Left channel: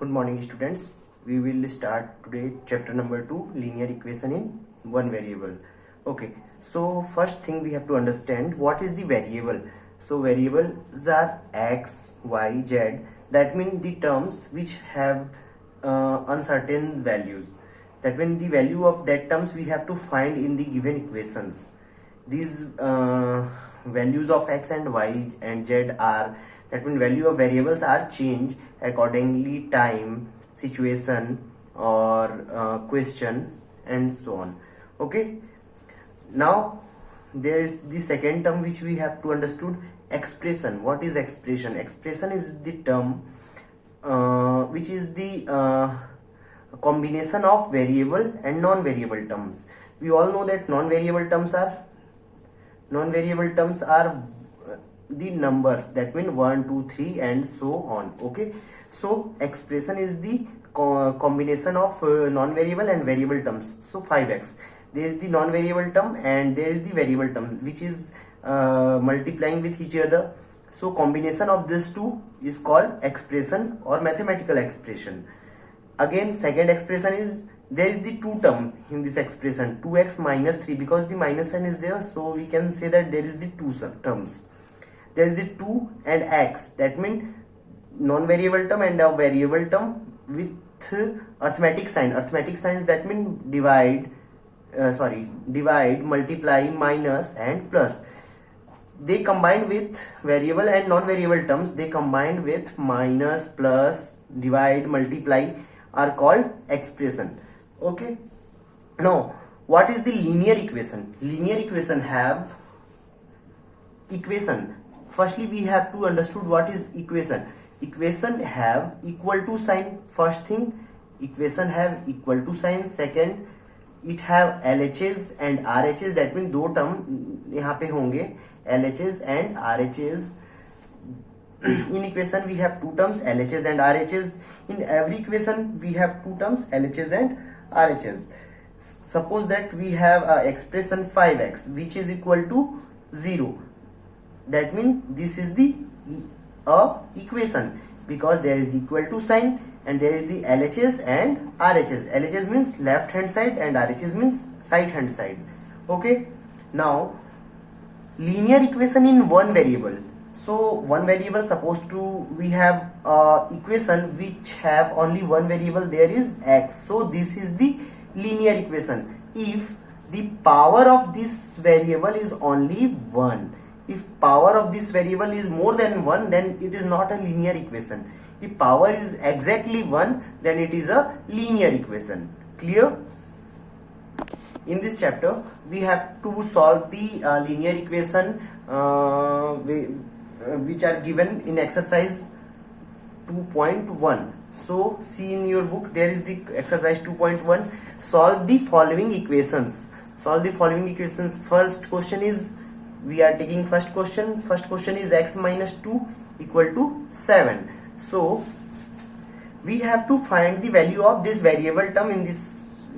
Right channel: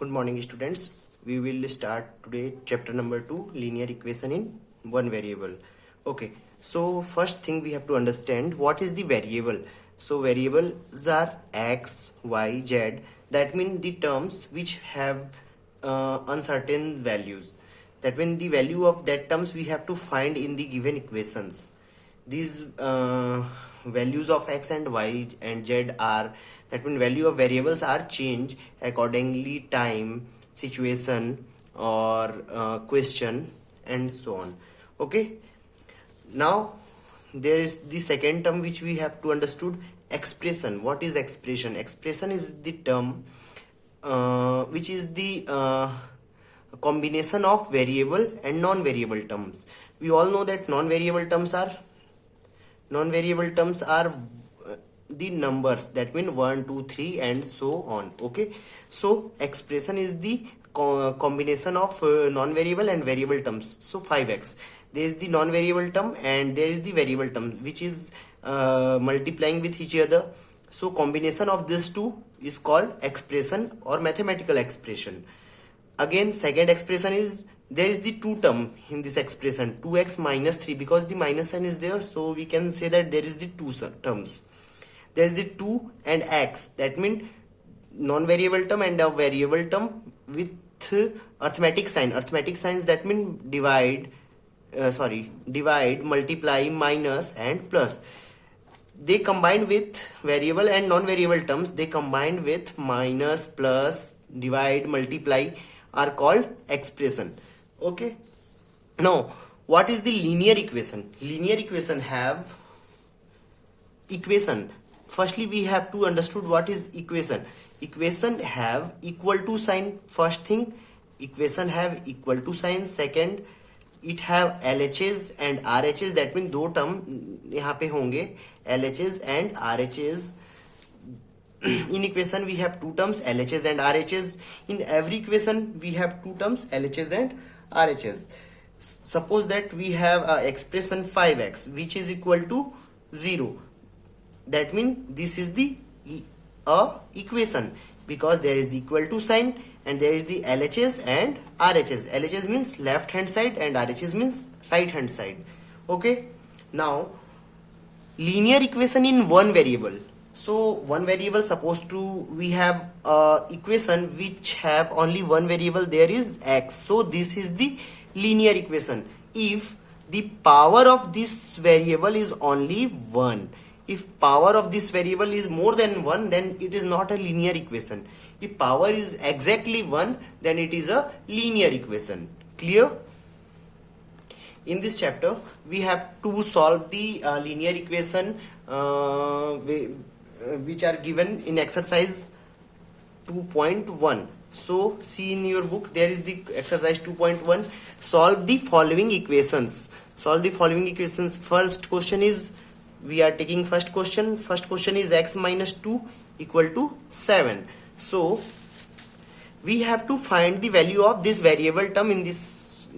Good morning, students. We will start today chapter number 2, linear equation in one variable. Okay, so first thing we have to understand what is the variable. So variables are x, y, z. That means the terms which have uncertain values. That means the value of that terms we have to find in the given equations. These values of x and y and z are, that means value of variables are changed accordingly time, situation, or question, and so on. Okay, now there is the second term which we have to understood, expression. What is expression? Expression is the term which is the combination of variable and non-variable terms. We all know that non-variable terms are the numbers, that mean 1 2 3 and so on. Okay, so expression is the combination of non-variable and variable terms. So 5x, there is the non-variable term and there is the variable term which is multiplying with each other. So combination of these two is called expression or mathematical expression. Again, second expression is, there is the two term in this expression, 2x minus 3, because the minus sign is there, so we can say that there is the two terms. There is the 2 and x, that means non-variable term and a variable term with arithmetic sign. Arithmetic signs, that means divide, multiply, minus and plus. They combine with variable and non-variable terms, they combine with minus, plus, divide, multiply, are called expression. Okay, now what is the linear equation? Linear equation have equation. Firstly, we have to understood what is equation. Equation have equal to sign. First thing, equation have equal to sign. Second, it have LHS and RHS, that means दो term यहाँ पे होंगे, LHS and RHS. In equation we have two terms, LHS and RHS. In every equation we have two terms, LHS and RHS. Suppose that we have expression 5x which is equal to 0. That means this is the equation, because there is the equal to sign and there is the LHS and RHS. LHS means left hand side and RHS means right hand side. Okay, now linear equation in one variable. So one variable, supposed to we have equation which have only one variable, there is x. So this is the linear equation if the power of this variable is only 1. If power of this variable is more than 1, then it is not a linear equation. If power is exactly 1, then it is a linear equation. Clear? In this chapter we have to solve the linear equation which are given in exercise 2.1. so see in your book, there is the exercise 2.1. solve the following equations. Solve the following equations. First question is, we are taking first question is x minus 2 equal to 7. So we have to find the value of this variable term in this,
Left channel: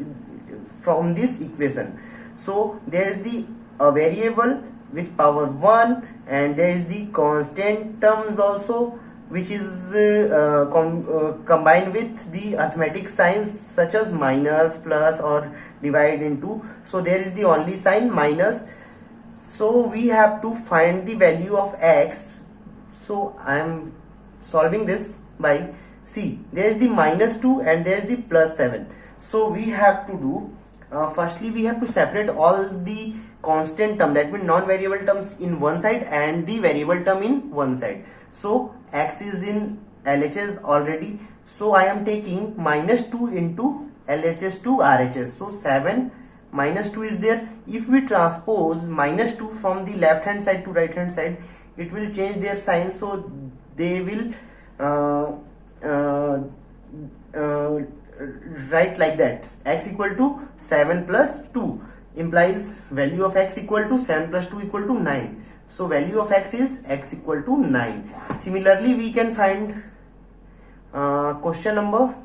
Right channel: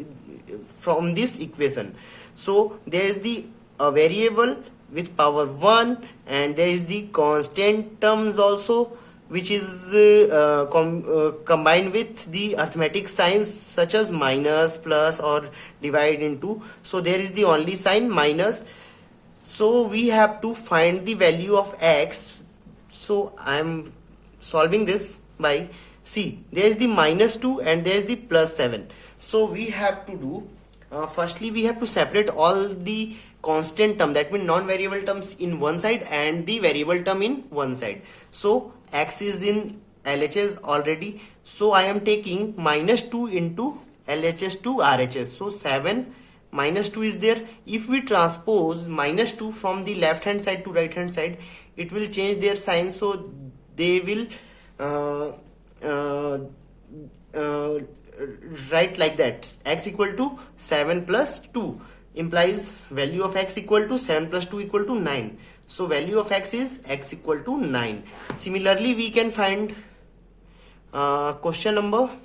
from this equation. So there is the variable with power 1 and there is the constant terms also which is combined with the arithmetic signs such as minus, plus, or divide into. So there is the only sign minus. So we have to find the value of x. So I am solving this by, see, there is the minus 2 and there is the plus 7. So we have to do, firstly we have to separate all the constant term, that means non-variable terms, in one side and the variable term in one side. So x is in LHS already, so I am taking minus 2 into LHS to RHS. So 7 minus 2 is there. If we transpose minus 2 from the left hand side to right hand side, it will change their sign, so they will write like that, x equal to 7 plus 2 implies value of x equal to 7 plus 2 equal to 9. So value of x is x equal to 9. Similarly, we can find question number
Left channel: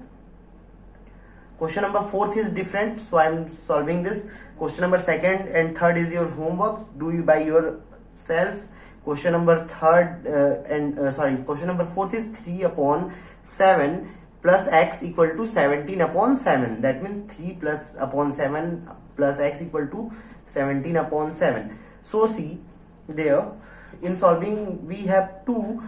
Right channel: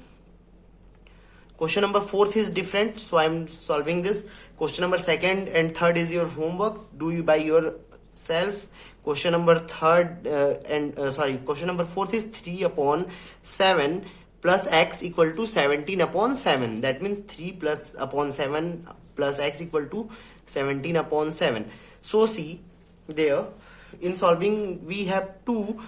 4th is different, so I am solving this. Question number 2nd and 3rd is your homework, do you by yourself. Question number 4th is 3 upon 7 plus x equal to 17 upon 7. That means 3 plus upon 7 plus x equal to 17 upon 7. So see there, in solving we have to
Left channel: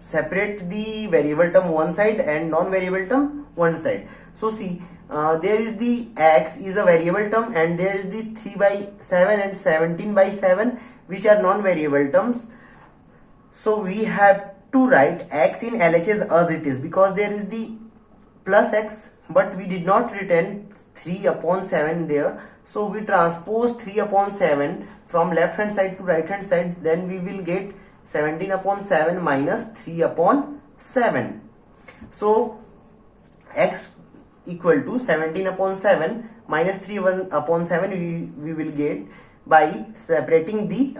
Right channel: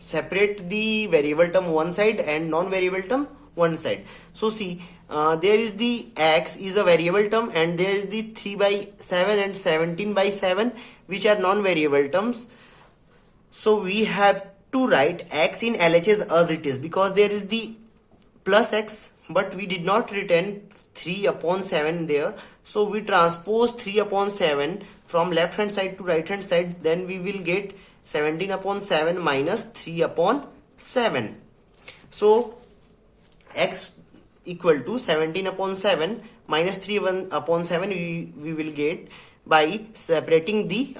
separate the variable term one side and non-variable term one side. So see, there is the x is a variable term and there is the 3 by 7 and 17 by 7 which are non-variable terms. So we have to write x in LHS as it is, because there is the plus x but we did not return 3 upon 7 there. So we transpose 3 upon 7 from left hand side to right hand side, then we will get 17 upon 7 minus 3 upon 7. So x equal to 17 upon 7 minus 3 upon 7 we will get by separating the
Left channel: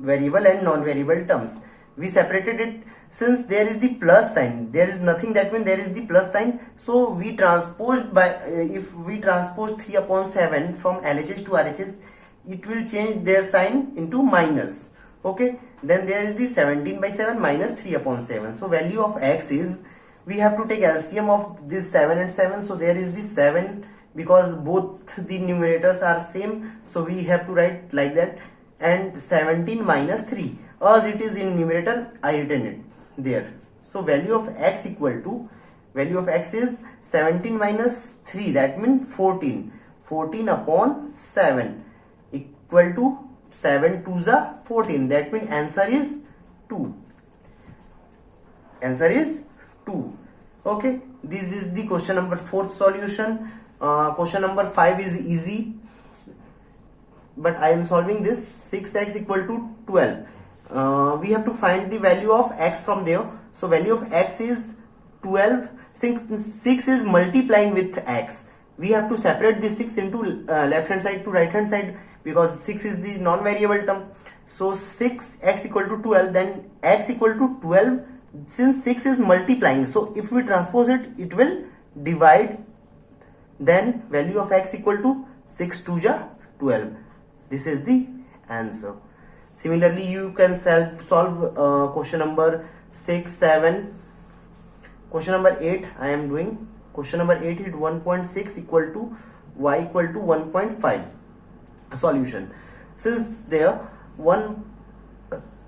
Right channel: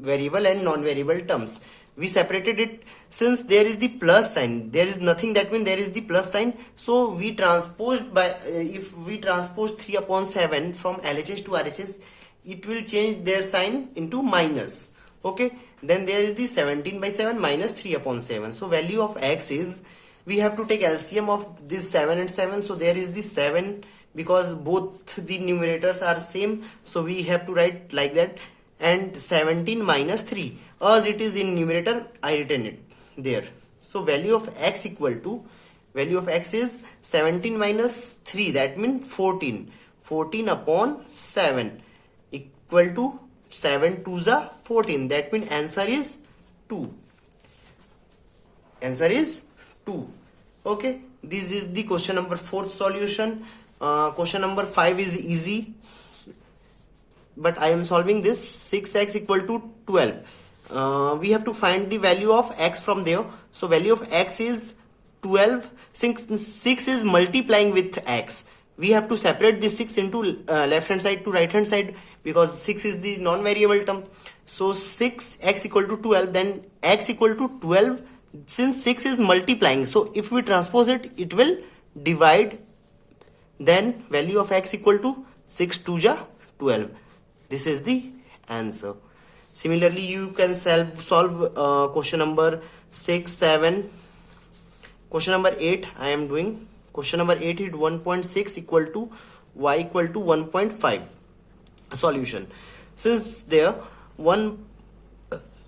variable and non-variable terms. We separated it since there is the plus sign, there is nothing, that means there is the plus sign. So we transposed by if we transpose 3 upon 7 from LHS to RHS, it will change their sign into minus. Okay, then there is the 17 by 7 minus 3 upon 7. So value of x is, we have to take LCM of this 7 and 7. So there is the 7, because both the numerators are same, so we have to write like that, and 17 minus 3 as it is in numerator, I written it there. So value of x equal to, value of x is 17 minus 3, that means 14 upon 7 equal to 7 to the 14, that means answer is 2. Answer is 2. Okay, this is the question number 4th solution. Question number 5 is easy, but I am solving this. 6x equal to 12. We have to find the value of x from there. So value of x is 12. Since 6 is multiplying with x, we have to separate this 6 into left hand side to right hand side, because 6 is the non-variable term. So 6x equal to 12, then x equal to 12. Since 6 is multiplying, so if we transpose it, it will divide. Then value of x equal to 6 to the 12. This is the answer. Similarly, you can solve question number 6, 7. Question number 8 I am doing. Question number 8 is 1.6 equal to y equal to 1.5. Solution. Since there 1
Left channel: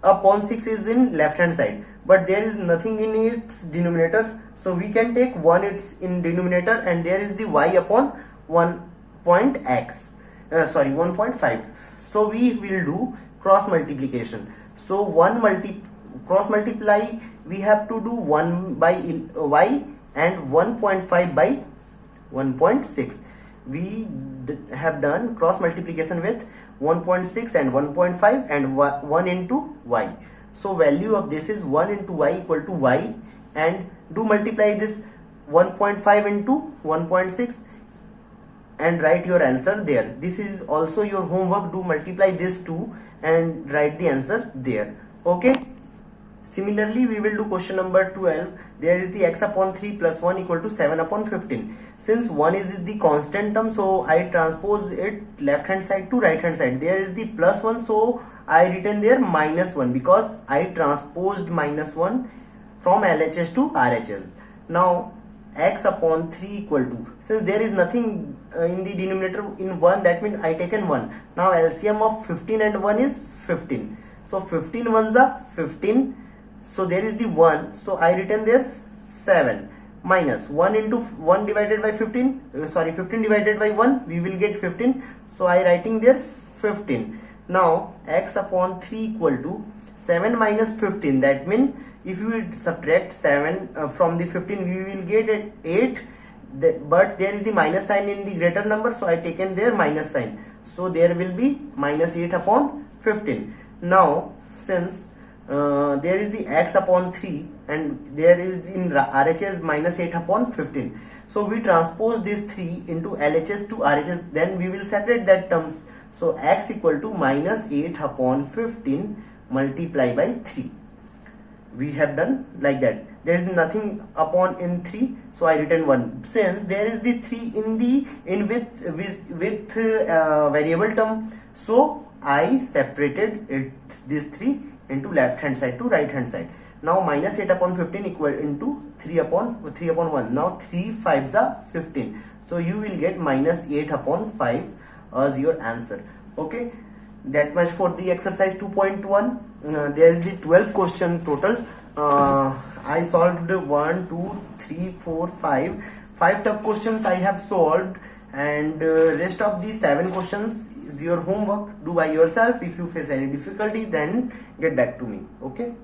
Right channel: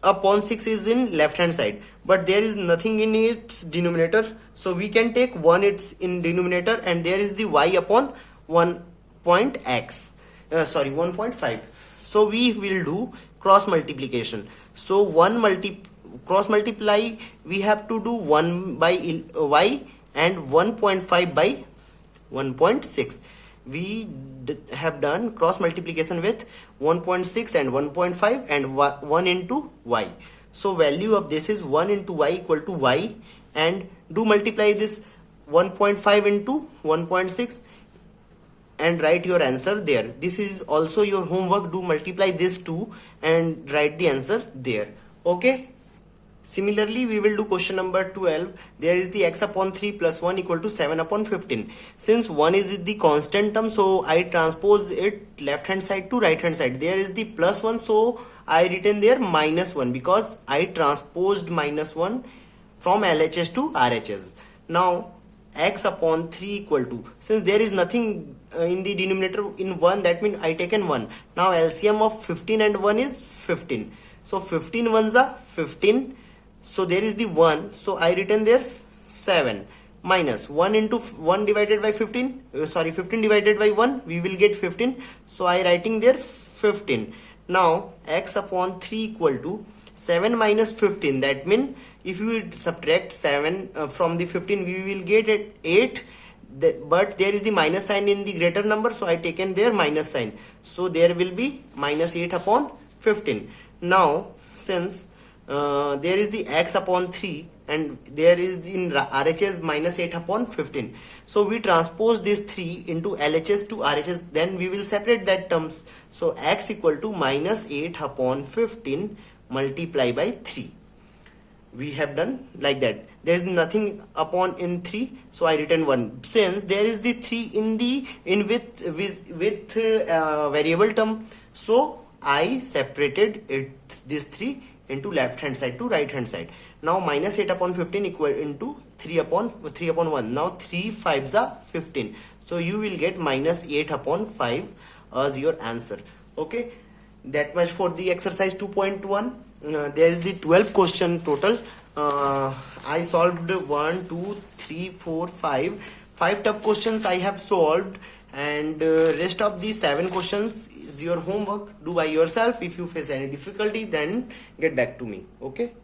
upon 6 is in left hand side, but there is nothing in its denominator, so we can take 1 it's in denominator, and there is the y upon 1.5. So we will do cross multiplication. So cross multiply, we have to do 1 by y and 1.5 by 1.6. We have done cross multiplication with 1.6 and 1.5 and 1 into y. So value of this is 1 into y equal to y, and do multiply this 1.5 into 1.6 and write your answer there. This is also your homework. Do multiply this 2 and write the answer there. Okay. Similarly, we will do question number 12. There is the x upon 3 plus 1 equal to 7 upon 15. Since 1 is the constant term, so I transpose it left hand side to right hand side. There is the plus 1, so I written there minus 1, because I transposed minus 1 from LHS to RHS. Now x upon 3 equal to, since there is nothing in the denominator in 1, that means I taken 1. Now LCM of 15 and 1 is 15. So 15 ones are 15. So there is the 1, so I written there 7 minus 1 into 1 divided by 15, 15 divided by 1, we will get 15. So I writing there 15. Now x upon 3 equal to 7 minus 15, that means if we subtract 7 from the 15, we will get it 8. But there is the minus sign in the greater number, so I taken there minus sign. So there will be minus 8 upon 15. Now since there is the x upon 3 and there is in RHS minus 8 upon 15, so we transpose this 3 into LHS to RHS, then we will separate that terms. So x equal to minus 8 upon 15 multiply by 3. We have done like that. There is nothing upon in 3, so I written 1. Since there is the 3 in with variable term, so I separated this 3 into left hand side to right hand side. Now minus 8 upon 15 equal into 3 upon 1. Now 3 5s are 15. So you will get minus 8 upon 5 as your answer. Okay, that much for the exercise 2.1. There is the 12 question total. I solved 1 2 3 4 5 tough questions I have solved, and rest of the 7 questions is your homework. Do by yourself. If you face any difficulty, then get back to me. Okay.